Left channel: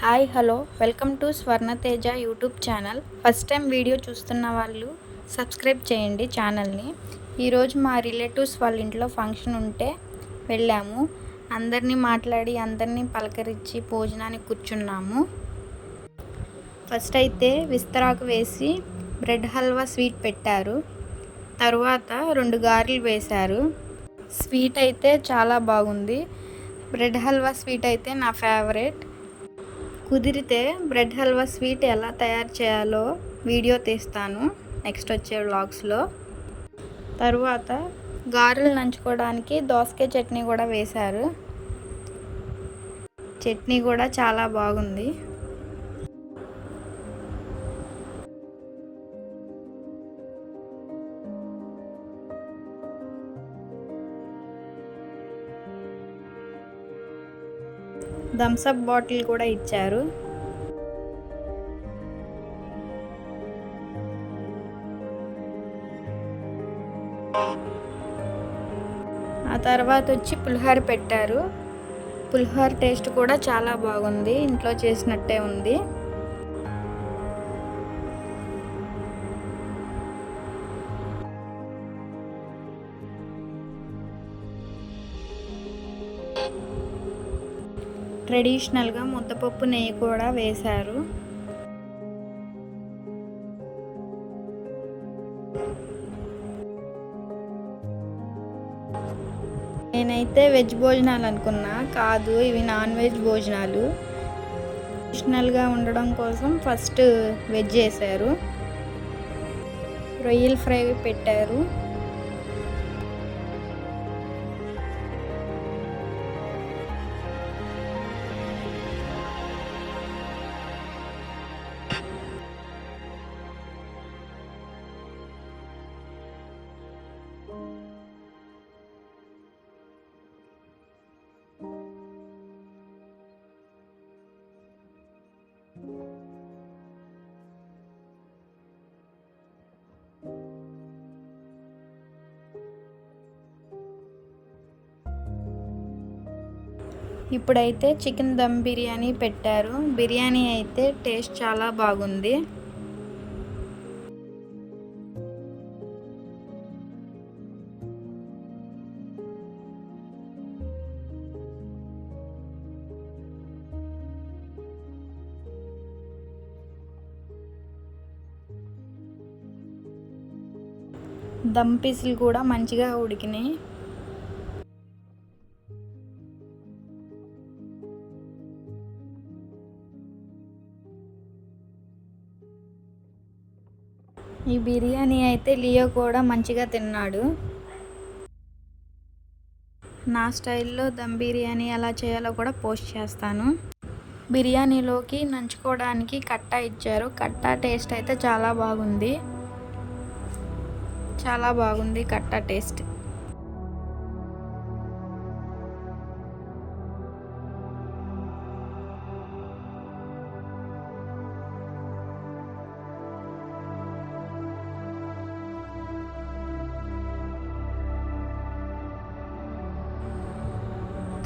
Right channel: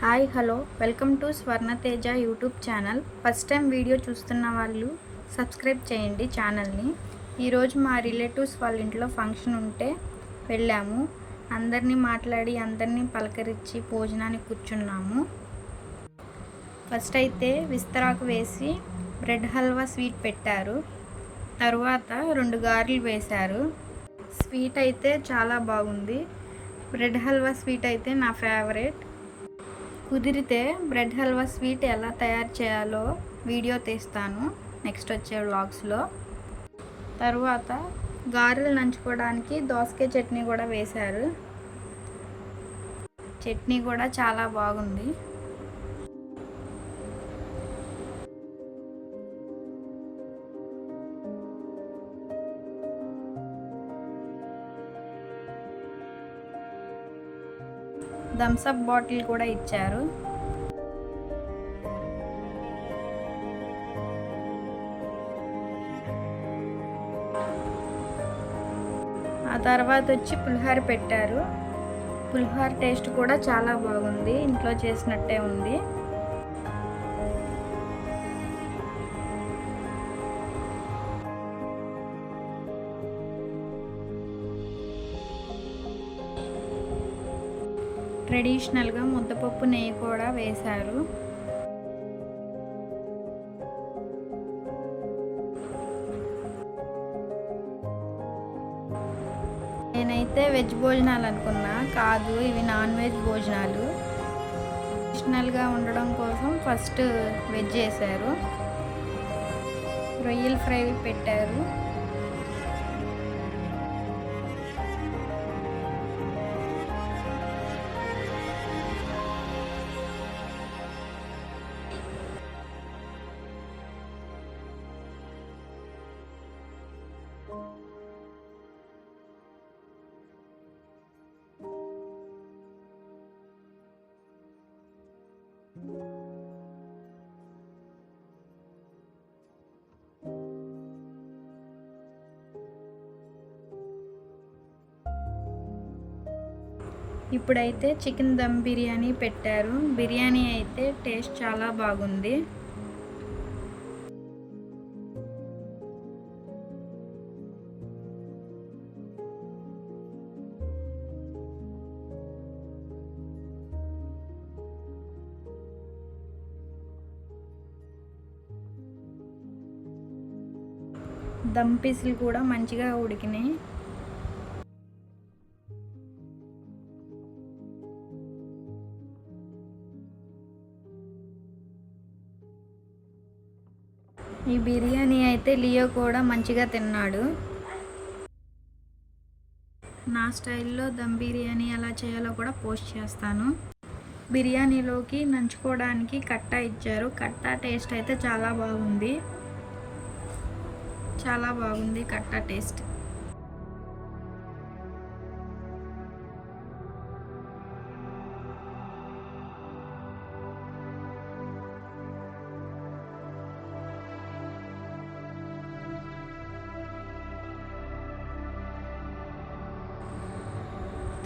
Hi hello welcome to Swarnateja YouTube channel. First time video చూస్తున్న వాళ్ళు సబ్స్క్రైబ్ చేయండి ఛానల్ని. ఈరోజు మా రిలేటివ్స్ వాళ్ళ ఇంట్లో ఫంక్షన్ ఉంటే వెళ్ళాము. అందరినీ మాట్లాడి అందరినీ పలకరించి భోజనానికి కూర్చున్నాము. ఫస్ట్ అయితే విస్తరాకు వేసి బ్రెడ్ హల్వా స్వీట్ పెట్టారు. తరువాత 2 గారెలు వేశారు. స్వీట్ అయితే చాలా బాగుంది. బ్రెడ్ హల్వా స్వీట్ అయితే నా ఫేవరెట్. కుదిరితే బ్రెడ్ హల్వా స్వీట్ ఎలా తయారు చేయాలో వీడియో తీస్తాను నెక్స్ట్ వచ్చే వ్లాగ్స్లో. తరువాత గారెలు నంచుకోవడానికి దోసకాయ చట్నీ కూడా వేశారు. చట్నీ కూడా చాలా బాగుంది. థమ్సప్ బాటిల్ కూడా ఇచ్చారు. ఆ తర్వాత వచ్చి పులిహోర పెట్టారు. పులిహోర టేస్ట్ కూడా చాలా బాగుంది, ఇంట్లో చేసినట్టే ఉంది. ట్రెడిషనల్గా ముద్దపప్పు నెయ్యి కూడా వేశారు. నేనైతే వెజ్ భోజనాలు అనుకున్నా, కాదు ఇవి నాన్ వెజ్ భోజనాలు. ట్రెడిషనల్గా ఉండడం కోసం ఫస్ట్ వెజ్ చేశారు. రొయ్యల ఫ్రై పెట్టారు. ఇప్పుడైతే చికెన్ దమ్ బిర్యానీ పెట్టారు. బిర్యానీ అయితే టేస్ట్ చాలా బాగుంది. దమ్ పీసులు కూడా మంచిగా ఉడికినాయి. ఈ బిర్యానీ అయితే లియో కూడా మంచిగా తిన్నాడు. నా స్టైల్లో దమ్ బిర్యానీ ఎలా చేయాలో కూడా పోస్ట్ చేస్తాను. బిర్యానీలోకి నంచుకోవడానికి కట్టా ఇచ్చారు. కట్టా టేస్ట్ అయితే చాలా బాగుంది. చాలా బాగుంది కట్టా టేస్ట్.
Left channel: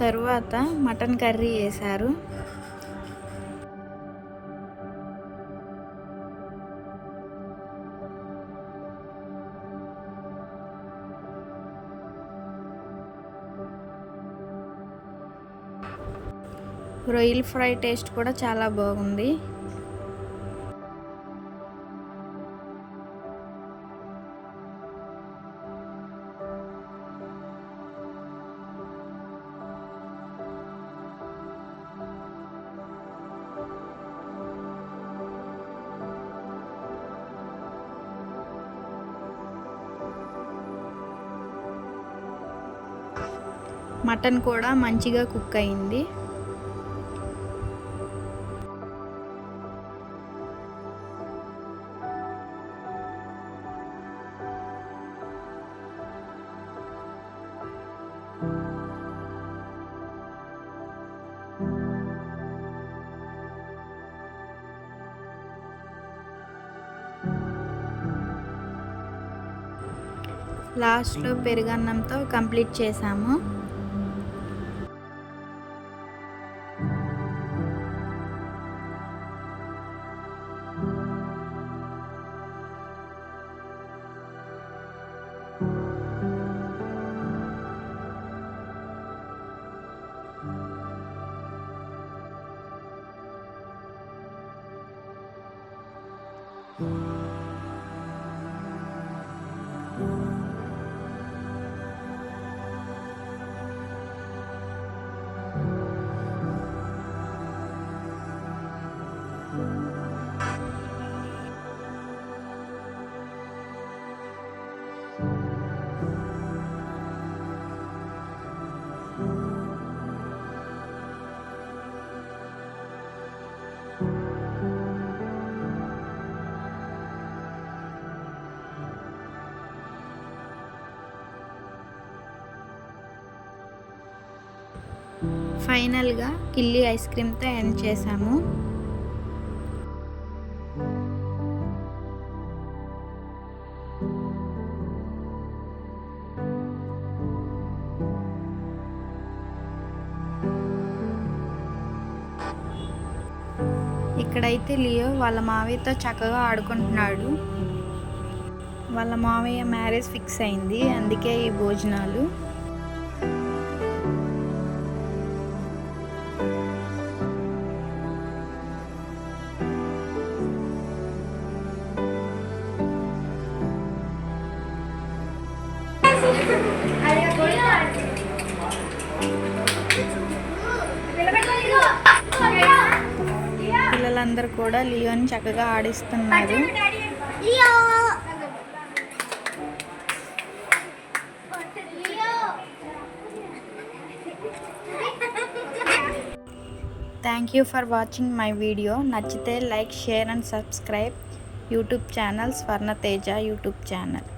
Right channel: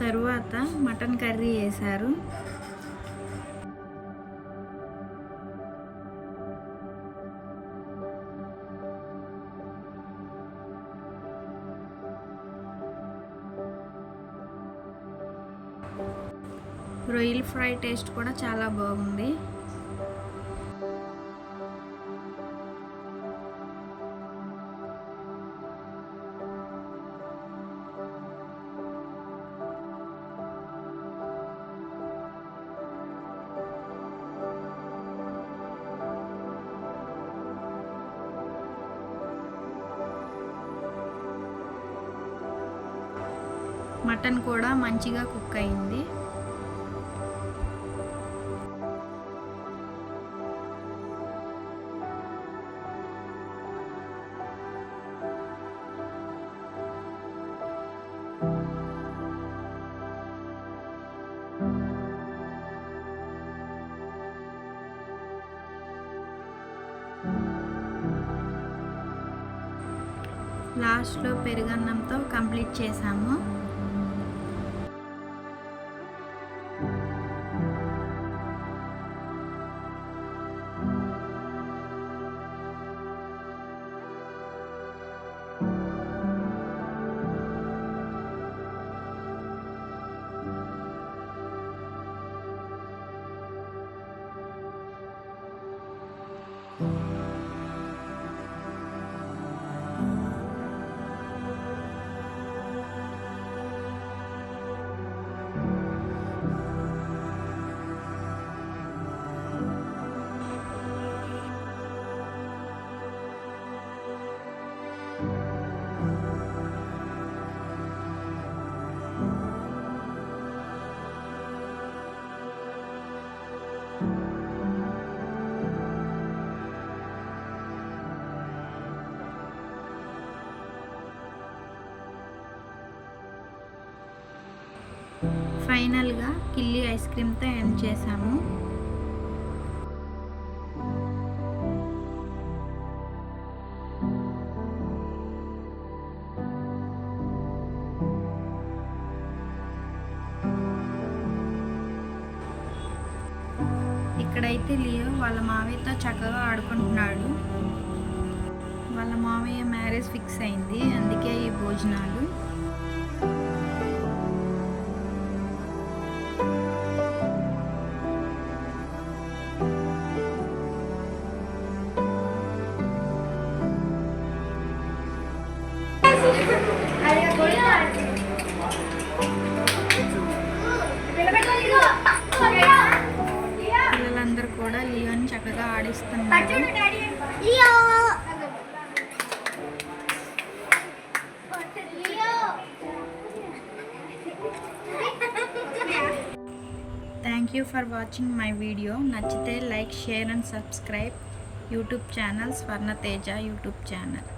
తరువాత మటన్ కర్రీ వేశారు. రొయ్యల ఫ్రై టేస్ట్ కూడా చాలా బాగుంది. మటన్ కూడా మంచిగా కుక్ అయింది. లాస్ట్లో పెరుగన్నంతో కంప్లీట్ చేసాము. ఫైనల్గా కిల్లీ ఐస్ క్రీమ్తో ఎండ్ చేసాము. ఇక్కడైతే లియో వాళ్ళ మావయ్యతో చక్కగా ఆడుకుంటున్నాడు. వాళ్ళ మావయ్య మ్యారేజ్ ఫిక్స్ అయింది, అందుకే ఈ భోజనాలు. పిల్లలందరూ కూడా లియోని చక్కగా ఆడిస్తున్నారు. Thank you for watching my video. నచ్చితే like, share and subscribe YouTube channel Swarnateja YouTube channel.